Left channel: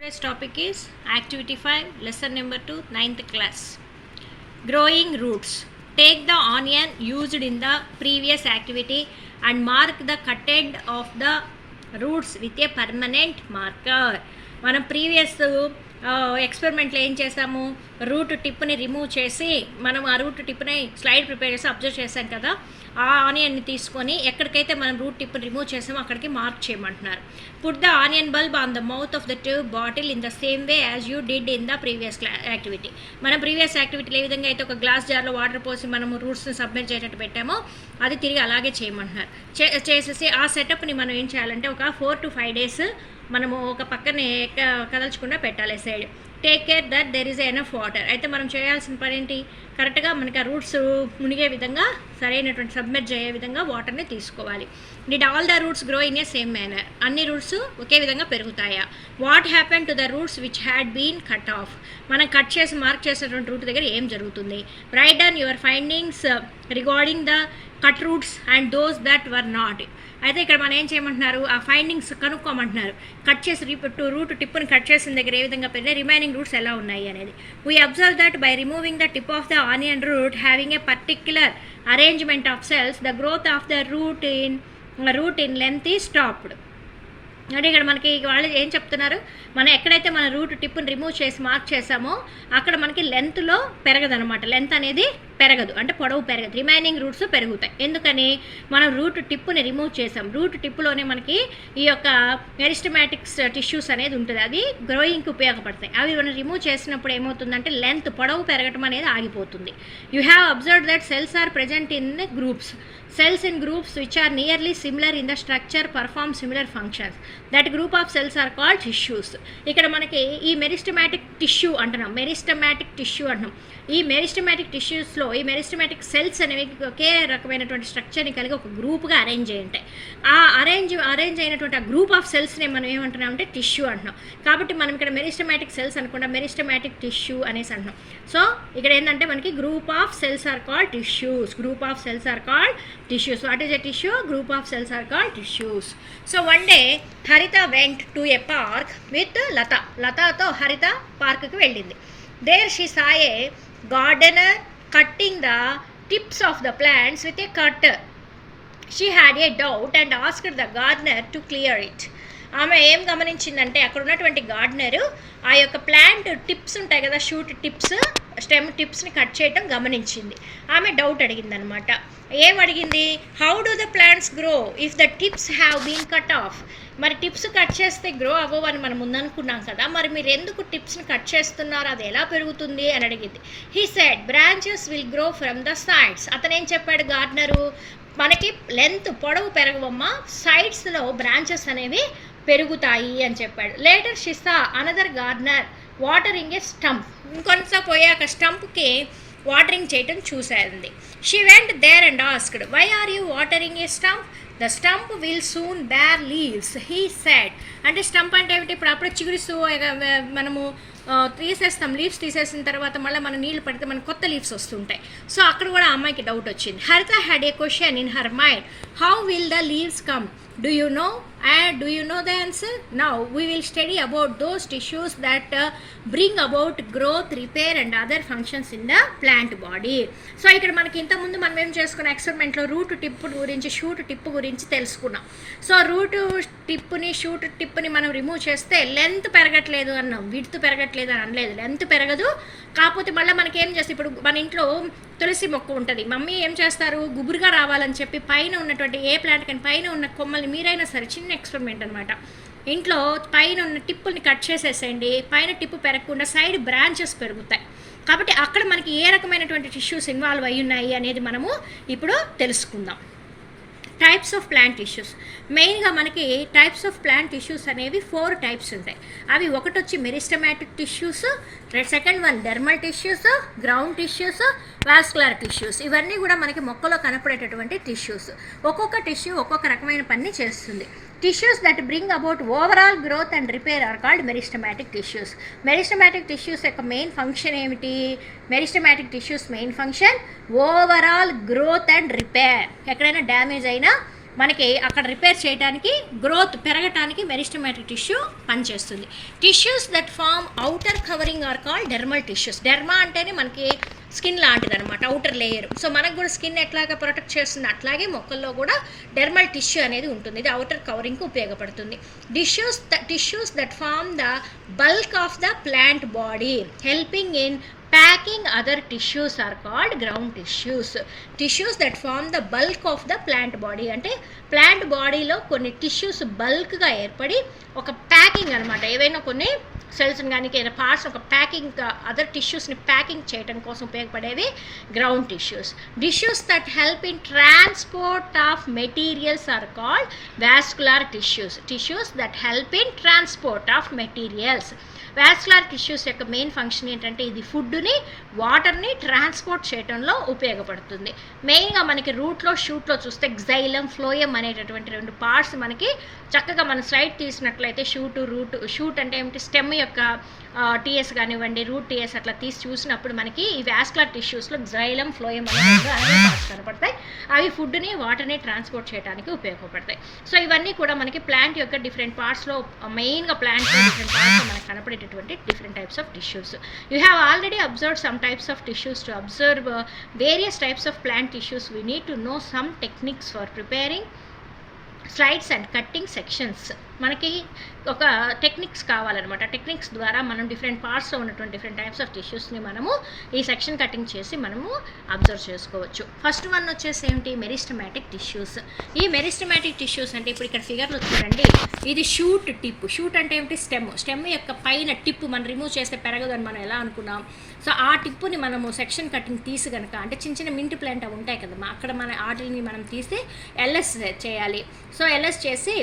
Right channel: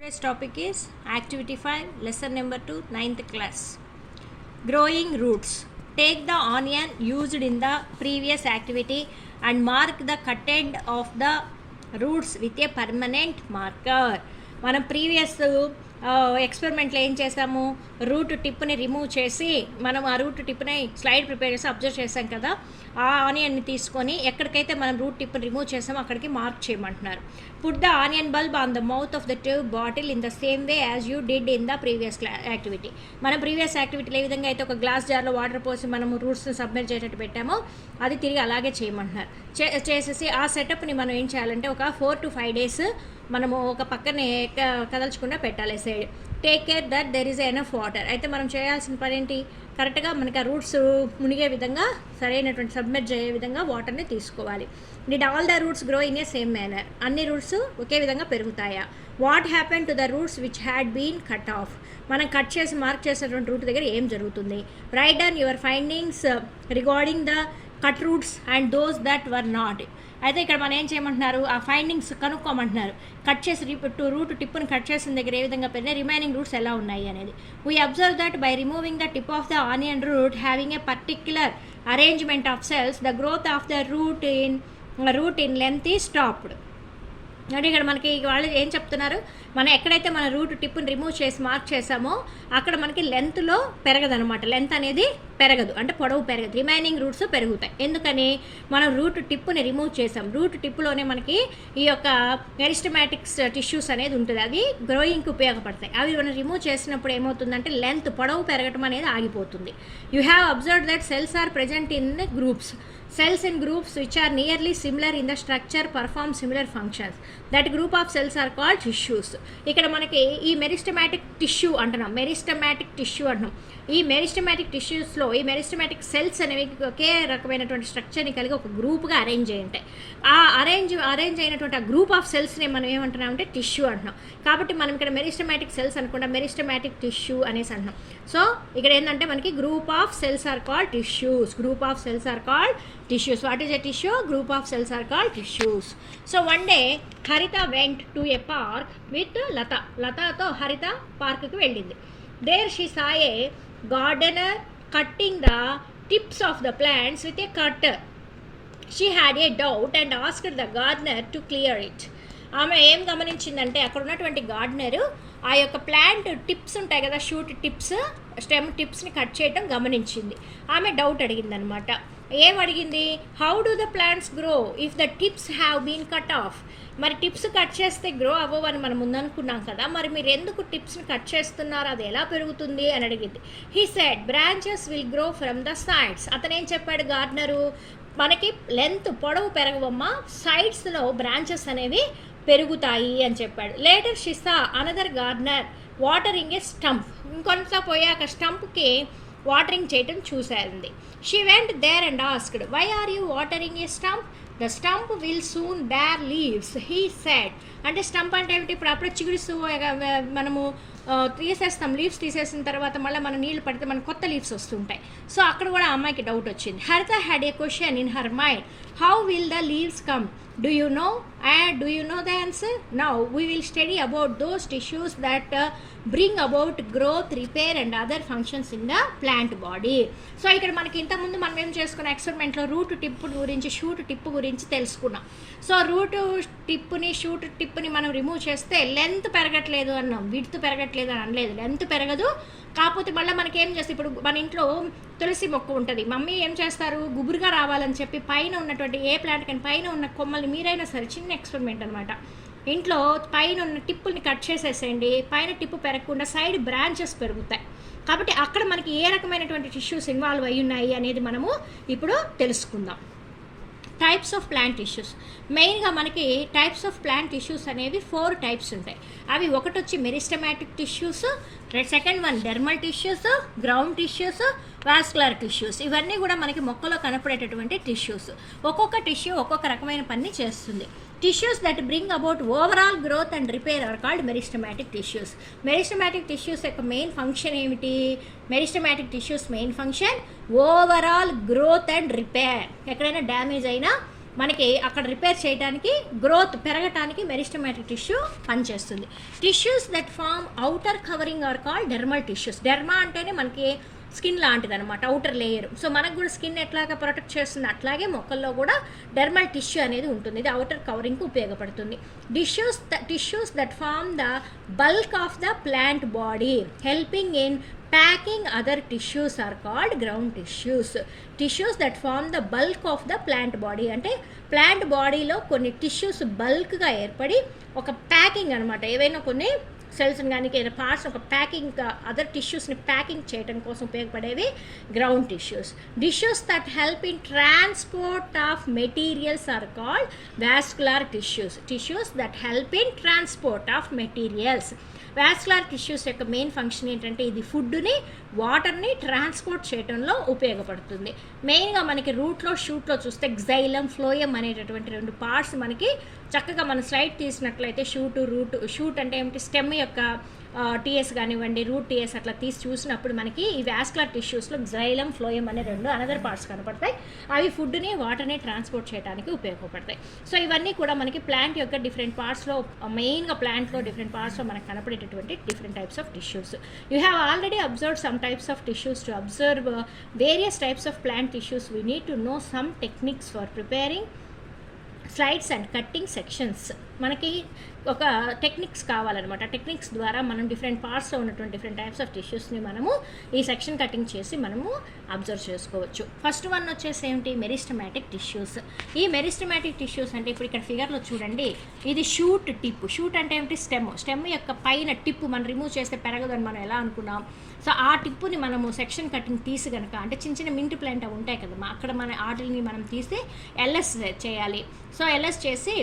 Today's topic is Activity 5, Lesson number 2, 9th class. Growing roots. Take the onion used in the previous activity and mark the cut end of the roots with a permanent marker. మనం previous ఎక్స్పెరిమెంట్లో ఏం చేసాము, route టిప్ని remove చేసి మనం ఆ route టిప్ని slide prepare చేసి observe చేసాం కదా. ఆ ఆనియన్ని తీసుకొని ఎక్కడికైతే మనం రూట్ టిప్ని రిమూవ్ చేసామో అక్కడికి మార్క్ చేయమంటున్నారు. Put the onion bulb on the mouth of the tube bottle in the same way as you did in the previous activity. మనం ప్రీవియస్ యాక్టివిటీలో ఏ విధంగా అయితే ఒక గ్లాస్ జార్లో వాటర్ పోసి మనము రూట్స్ని సబ్మిట్ చేసేటట్టు పెట్టామో అది తిరిగి అలాగే చేయమంటున్నారు. చేసేసి ఆ సెటప్ని మనం ఏం చేయాలంటే ఒక 4 to 5 days మనము ఒక పక్కనే కదల్చకుండా పెట్టాలి side. Take care that there is enough water. అయితే మనం చేయాల్సిన పని ఏంటి, కరెక్ట్గా మనకి ఆ రూట్స్ మునిగే విధంగా సరైనటువంటి సబ్మెర్జ్ అయ్యే విధంగా వాటర్ని తీసుకోవాలి. Did all the roots grow in a same manner. అన్ని రూట్స్ ఒకే విధంగా పెరుగుతాయా. What happen to the roots which had been cut off. మనం కట్ చేసి మార్క్ చేసినటువంటి రూట్ దగ్గర ఏం జరుగుతుంది. Write down your findings regarding the cut roots and those that were not. అయితే ఇక్కడ మనం ఏం చేయమంటున్నారు, ఆ ఫైండింగ్స్ కనుక్కోమంటున్నారు. కట్ చేసి రూట్ టిప్ని కట్ చేసిన దగ్గర ఏ విధంగా పెరిగినాయి, రిమైనింగ్ రూట్స్ ఎలా ఉన్నాయి అనేది. We observe that by removing the tip of the onion root having a particular arrangement of cells the growth of the root in length is stopped. అంటే ఇక్కడ మనకి వాళ్ళు ఏం చెప్తున్నారు, మనం ఎక్కడైతే మన రూట్ టిప్ని రిమూవ్ చేసి మార్క్ చేసామో అక్కడ మనకి లెంత్లో పెరగదు అనమాట. లెంత్ అనేది పెరగదు, అంటే పొడవు పెరగదు, రిమైనింగ్ రూట్స్ పెరుగుతాయి. ఎందుకని, మనం రూట్ టిప్ని రిమూవ్ చేసాం. రూట్ టిప్లోనే మనకి ఈ యొక్క మెరిస్టమాటిక్స్ టిష్యూస్ అనేది ఉంటుంది, అది గ్రోయింగ్కి ఉపయోగపడతాయి. అవి మనం రిమూవ్ చేసినప్పుడు ఏమవుతుందంటే లెంత్ పొడవు పెరగటం అనేది ఆగిపోతుంది. You have observed that cells are present in groups. Cells in groups which are nearly similar in the structure perform similar functions. That group of cells are called tissues. ఇక్కడ మనకి ఈ meristematic tissue అంటున్నాం, meristematic tissue అంటున్నాం. ఈ meristematic టిష్యూస్లో ఈ meristematic cells అనేవి ఒకే రకమైనటువంటి స్ట్రక్చర్ని కలిగి ఒక గ్రూప్గా అరేంజ్ అయి ఉంటాయి. ఆ అరేంజ్ అయినటువంటి ఆ గ్రూప్ ఆఫ్ సెల్స్ని మనం ఏమంటున్నాం అంటే టిష్యూ అంటున్నాం. కాబట్టి మనం ఇక్కడ మెరిస్టమాటిక్ సెల్స్ అనుకుంటాం, మెరిస్టమాటిక్ టిష్యూ అనేసి అంటున్నాం. సో ఇక్కడ ఏంటంటే మనకి group of cells are called tissues. Group of cells are called tissues. What is a tissue? Group of cells are called tissues. So one day Harita went to a park with Lata. Lata to Harita park ku veldindi. There she saw a gardener cutting the tips of the plants with a cutter. She had a doubt and asked the gardener to clear it. ఆమె ఏం గమనించిందంటే అక్కడ ఉన్నటువంటి gardener ఆ యొక్క plant tips ఉంటాయి కదా, shoot tips, stem టిప్స్ని cut చేయడం గమనించింది. ఆమె డౌట్ అడిగిందనమాట. ఏం అడిగింది, how do the plants grow if the tips have been cut off. మరి టిప్స్ కట్ చేస్తే గ్రో అవ్వవు అని మనం ముందనుకున్నాం కదా, మరి మీరు ఎందుకు టిప్స్ని కట్ చేస్తున్నారు, అది ఎలా పెరుగుతుంది అని అడిగింది. He said branches will grow from the sides. అతను ఏం చెప్పాడు గార్డెనరు, మనకి లెంత్ పొడవు పెరగవమ్మా, సైడ్స్లో బ్రాంచెస్ అనేవి పెరుగుతాయి అని చెప్పాడు. Later she saw another gardener watering a stump. ఇంకొంత పోయాక స్టంప్కి వాటరింగ్ చేయటం చూసేది. She went there and asked why are you watering a stump, the stump will soon bear leaves he said. అంటే స్టంప్ అంటే ఏమిటి, ఇప్పుడు అప్పుడు చిగురిస్తూ మనము తీసేస్తాం, లీవ్స్ తీసేసిన తర్వాత మళ్ళీ మనం నీళ్ళు పడితే మనకు కొత్త లీవ్స్ వస్తుంటాయి. సో అక్కడ కూడా ఆ అమ్మాయికి డౌట్ వచ్చింది. హరిత had a question in her mind, how will the leaves come, do you know and do you know the answer? Now we will study about those tissues that bring about growth, repair and other functions in the plant body. So ఇక్కడ మనకి ఇంతకుముందు మనం ఏం చేసుకున్న ఎక్స్పెరిమెంట్లో route tip గురించి, shoot tip గురించి తెలుసుకున్నాం. So root టిప్ని, shoot టిప్ని మనం రిమూవ్ చేస్తే లెంత్ పెరగట్లేదు అన్నాం, విడ్త్ పెరగట్లేదు అని అనలేదు. లెంత్ పెరగదు, కాకపోతే మళ్ళీ మనకి ఏం చేస్తే, ఇప్పుడు మన ఇంట్లో తులసి మొక్క ఉంటుంది, మమ్మీ ఏం చేస్తారు, గుబురుగా రావాలని చెప్పి పైన ఉన్నటువంటి ఏ ప్లాంట్ కానీ పైన ఉన్న కొమ్మల్ని, మీరైనా సరే చిన్న ఎక్స్పెరిమెంట్ అనమాట, ఇంట్లో పైన ఉన్న టిప్పుల్ని కట్ చేసేసేయండి, పైన టిప్పు పెరగకుండా సైడ్ బ్రాంచెస్ పెరుగుతాయి. కాబట్టి అక్కడ మనకి ఏ రకమైనటువంటి టిష్యూస్ ఇన్వాల్వ్ అయ్యి ఉన్నాయి అనేది మనము ఇప్పుడు తెలుసుకుందాం. Types of plant tissues. మెయిన్గా మనకి టైప్స్ ఆఫ్ ప్లాంట్ టిష్యూస్ అనేవి 4 టైప్స్ ఉంటాయి. అవి ఒకటి వచ్చి meristematic tissues, second one dermal tissues, ground tissues, vascular tissues. ఇవన్నీ కూడా మనకి మొక్కలో కనపడేటటువంటి టిష్యూస్. ఒక్కొక్క టిష్యూ ఒక్కొక్క రకమైన పని చేస్తుంది. Tissues that bring about overall growth and repair are called meristematic tissues. Meristematic tissues యొక్క మెయిన్ ఫంక్షన్ ఏమిటి, meristematic tissues main function overall growth and repair. ఎక్కడైనా డ్యామేజ్ అయినా మనకి అక్కడ రిపేర్ చేయడానికి, గ్రోత్ పెరగటానికి మెరిస్టమాటిక్ టిష్యూ పనిచేస్తుంది. Tissues that form outer covering are called dermal tissues. Derma అంటేనే మనకి స్కిన్ లాంటిది అనమాట, అవుటర్ లేయర్. సో మనకు కూడా స్కిన్ ఎట్లాగా ప్రొటెక్ట్ చేస్తుంది అట్లాగే మొక్కల్లో కూడా డెర్మల్ టిష్యూ అనేది ఉంటుంది. ఇది అవుటర్ కవరింగ్కి ఉపయోగపడుతుంది. Tissues that form the bulk of the plant body helping in packing other tissues are called ground tissues. Tissues that form the bulk of the plant body అంటే ప్లాంట్ బాడీలో కొన్ని tissues బల్క్గా ఏర్పడి ఒక ప్యాకింగ్ అనమాట, ఏవైనా కొన్ని సెల్స్ని కానీ ఏదైనా పార్ట్స్ ఒక ప్యాకింగ్ అదర్ టిష్యూస్ని ప్యాకింగ్ చేయడం కోసం ఉపయోగపడేవి ground tissues. Tissues that help in transport of materials are called vascular tissues. Tissues that help in transport of materials. Vascular tissues యొక్క మెయిన్ ఫంక్షన్ ఏంటంటే ఇది ఫుడ్ని, వాటర్ని ట్రాన్స్పోర్ట్ చేయడంలో ఉపయోగపడుతుంది. మెయిన్గా మనకి రూట్లో, షూట్లో చూస్తే గ్జైలం, ఫ్లోయం అనేటటువంటి 2 పార్ట్స్ మనకి చక్కగా మన స్లైడ్ తీసినట్లయితే షూట్ అంటే ఏమిటి, స్టెమ్ యొక్క టీఎస్ కానివ్వండి, రూట్ టీఎస్ అట్లా తీసి చూసినప్పుడు మనకి ఈ వాస్కులర్ టిష్యూస్లో గ్జైలం, ఫ్లోయం అనే 2 అనేవి పార్ట్స్ కనపడతాయి. అవి ఫుడ్ని, వాటర్ని ట్రాన్స్పోర్ట్ చేయడానికి ఉపయోగపడతాయి. సో ఇవన్నీ కూడా మనకి ప్లాంట్ యొక్క డిఫరెంట్ పార్ట్స్లో, మెయిన్గా ప్లాంట్లో డిఫరెంట్ పార్ట్స్లో మనకు కనపడేటటువంటి different types of tissues. You have already observed some types of tissues. To observe various types of plant tissues, we need to know some techniques for preparing slides and cutting sections. మనకి ఒక techniques కావాలన్నమాట. Techniques ద్వారా మనం different పార్ట్స్లో ఉన్నటువంటి different types of టిష్యూస్ని మనము ఈ section cutting చేసి మనము అబ్జర్వ్ చేసుకోవచ్చు. ఫస్ట్ వన్ వచ్చేసి ఏమిటి, మెరిస్టమాటిక్ టిష్యూస్. ఈ మెరిస్టమాటిక్ టిష్యూస్ అంటే ఇప్పుడు ఇక్కడ ఫిగర్లో చూడండి, ఇది షూట్ టిప్. షూట్ అంటే ఏమిటి, స్టెమ్ యొక్క పైన టిప్ మనం రిమూవ్ చేస్తే పెరగదు అని మనం ఎలా అనుకున్నాం. సో ఆ టిప్పుని మనము సెక్షన్ కటింగ్ తీసి కనుక, అంటే చిన్న చిన్న మింట్ ప్లాంట్ ఉంటాయి కదా, అక్కడ మన వాటిని మనం తీసి ఎల్ఎస్ చేయాలి. సో ఎల్ఎస్ చేసి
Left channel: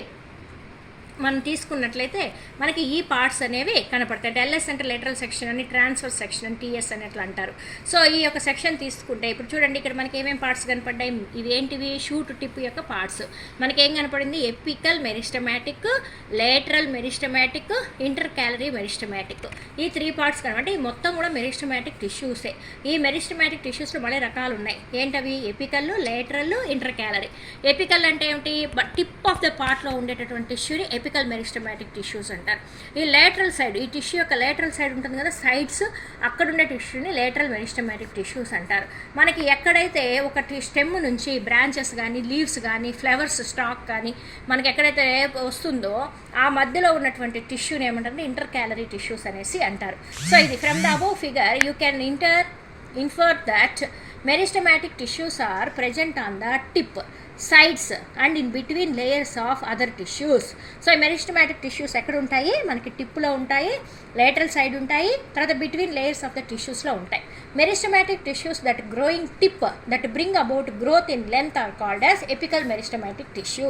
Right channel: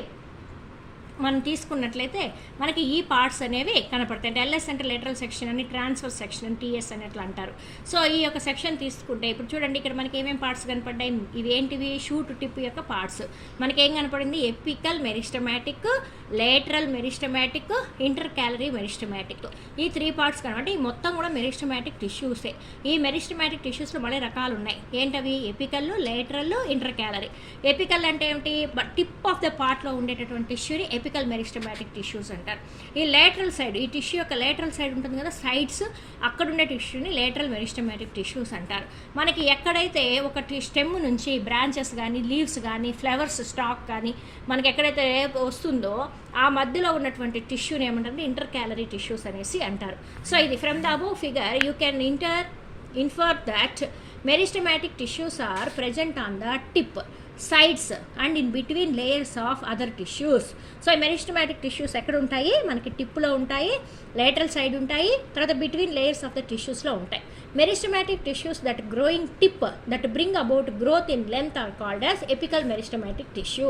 మనం తీసుకున్నట్లయితే మనకి ఈ పార్ట్స్ అనేవి కనపడతాయి. అంటే ఎల్ఎస్ అంటే లెటరల్ సెక్షన్ అని, ట్రాన్స్ఫర్ సెక్షన్ అని, టీఎస్ అనేట్లు అంటారు. సో ఈ యొక్క సెక్షన్ తీసుకుంటే ఇప్పుడు చూడండి ఇక్కడ మనకి ఏమేమి పార్ట్స్ కనపడ్డాయి. ఇవి ఏంటివి, షూట్ టిప్ యొక్క పార్ట్స్. మనకి ఏం కనపడింది, apical meristematic, lateral meristematic, inter calorie meristematic. ఈ 3 పార్ట్స్ కనబడి ఈ మొత్తం కూడా మెరిస్టమాటిక్ టిష్యూసే. ఈ మెరిస్టమాటిక్ టిష్యూస్లో మళ్ళీ రకాలు ఉన్నాయి. ఏంటవి, apical, lateral, inter calorie. Apical అంటే ఏమిటి, టిప్ ఆఫ్ ద పార్ట్లో ఉండేటటువంటి టిష్యూని ఎపికల్ మెరిస్టమాటిక్ టిష్యూస్ అంటారు. ఈ లేటరల్ సైడ్, ఈ టిష్యూ యొక్క లేటరల్ సైడ్ ఉంటుంది కదా, సైడ్స్, అక్కడ ఉండే టిష్యూని లేటరల్ మెరిస్టమాటిక్ టిష్యూస్ అంటారు. మనకి ఎక్కడైతే ఒక స్టెమ్ నుంచి బ్రాంచెస్ కానీ, లీవ్స్ కానీ, ఫ్లవర్స్ స్టాక్ కానీ మనకి ఎక్కడైతే వస్తుందో ఆ మధ్యలో ఉన్నటువంటి టిష్యూని ఏమంటారు, ఇంటర్ క్యాలరీ టిష్యూస్ అనేసి అంటారు. సో ఇది from the above figure you can infer that meristematic tissues are present on the tip, sides and in between layers of other tissues. So ఈ మెరిస్టమాటిక్ టిష్యూస్ ఎక్కడ ఉంటాయి, మనకి టిప్లో ఉంటాయి, లేటరల్ సైడ్ ఉంటాయి, తర్వాత బిట్వీన్ లేయర్స్ ఆఫ్ ద టిష్యూస్లో ఉంటాయి. Meristematic tissues that growing tip that bring about growth in length are called as apical meristematic tissue.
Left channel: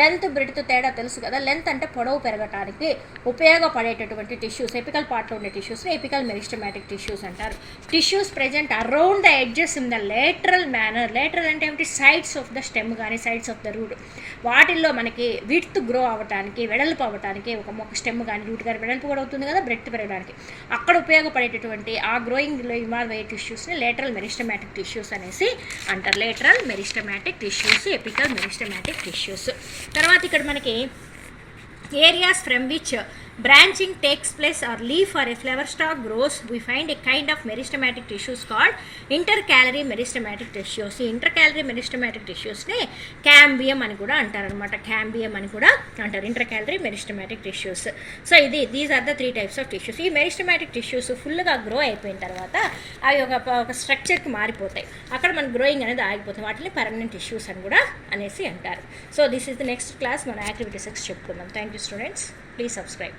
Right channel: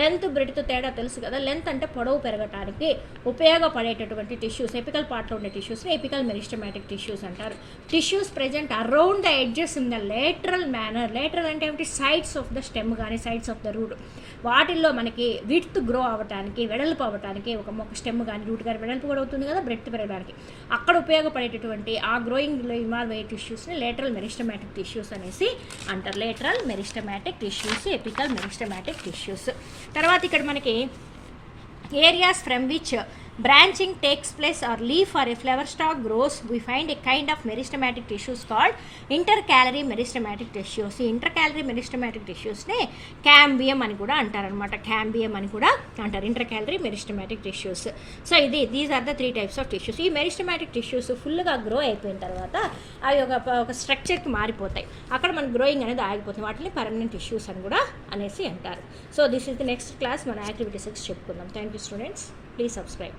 Length breadth తేడా తెలుసు కదా, లెంత్ అంటే పొడవు పెరగటానికి ఉపయోగపడేటటువంటి టిష్యూస్, ఎపికల్ పార్ట్లో ఉండే టిష్యూస్ని ఎపికల్ మెరిస్టమాటిక్ టిష్యూస్ అంటారు. Tissues present around the edges in the lateral manner. Lateral అంటే ఏమిటి, సైడ్స్ ఆఫ్ ద స్టెమ్ కానీ, సైడ్స్ ఆఫ్ ద రూట్. వాటిల్లో మనకి విడ్త్ గ్రో అవ్వటానికి, వెడల్పు అవ్వటానికి, ఒక మొక్క స్టెమ్ కానీ రూట్ కానీ వెడల్పు కూడా అవుతుంది కదా, బ్రెడ్త్ పెరగడానికి అక్కడ ఉపయోగపడేటటువంటి ఆ గ్రోయింగ్లో ఇన్వాల్వ్ అయ్యే టిష్యూస్ని లేటరల్ మెరిస్టమాటిక్ టిష్యూస్ అనేసి అంటారు. Lateral meristematic tissues, apical meristematic tissues. తర్వాత ఇక్కడ మనకి areas from which branching takes place or leaf or a flower stalk grows, we find a kind of meristematic tissues called intercalary meristematic tissues. ఈ intercalary meristematic tissues ని cambium అని కూడా అంటారు అనమాట. cambium అని కూడా అంటారు, intercalary meristematic tissues. So these are the 3 types of tissues. ఈ meristematic tissues ఫుల్గా గ్రో అయిపోయిన తర్వాత అవి ఒక స్ట్రక్చర్కి మారిపోతాయి, అక్కడ మన గ్రోయింగ్ అనేది ఆగిపోతుంది. వాటిని పర్మనెంట్ టిష్యూస్ అని కూడా అనేసి అంటారు. So this is the next class, మన యాక్టివిటీ 6 చెప్పుకుందాం. Thank you students, please subscribe.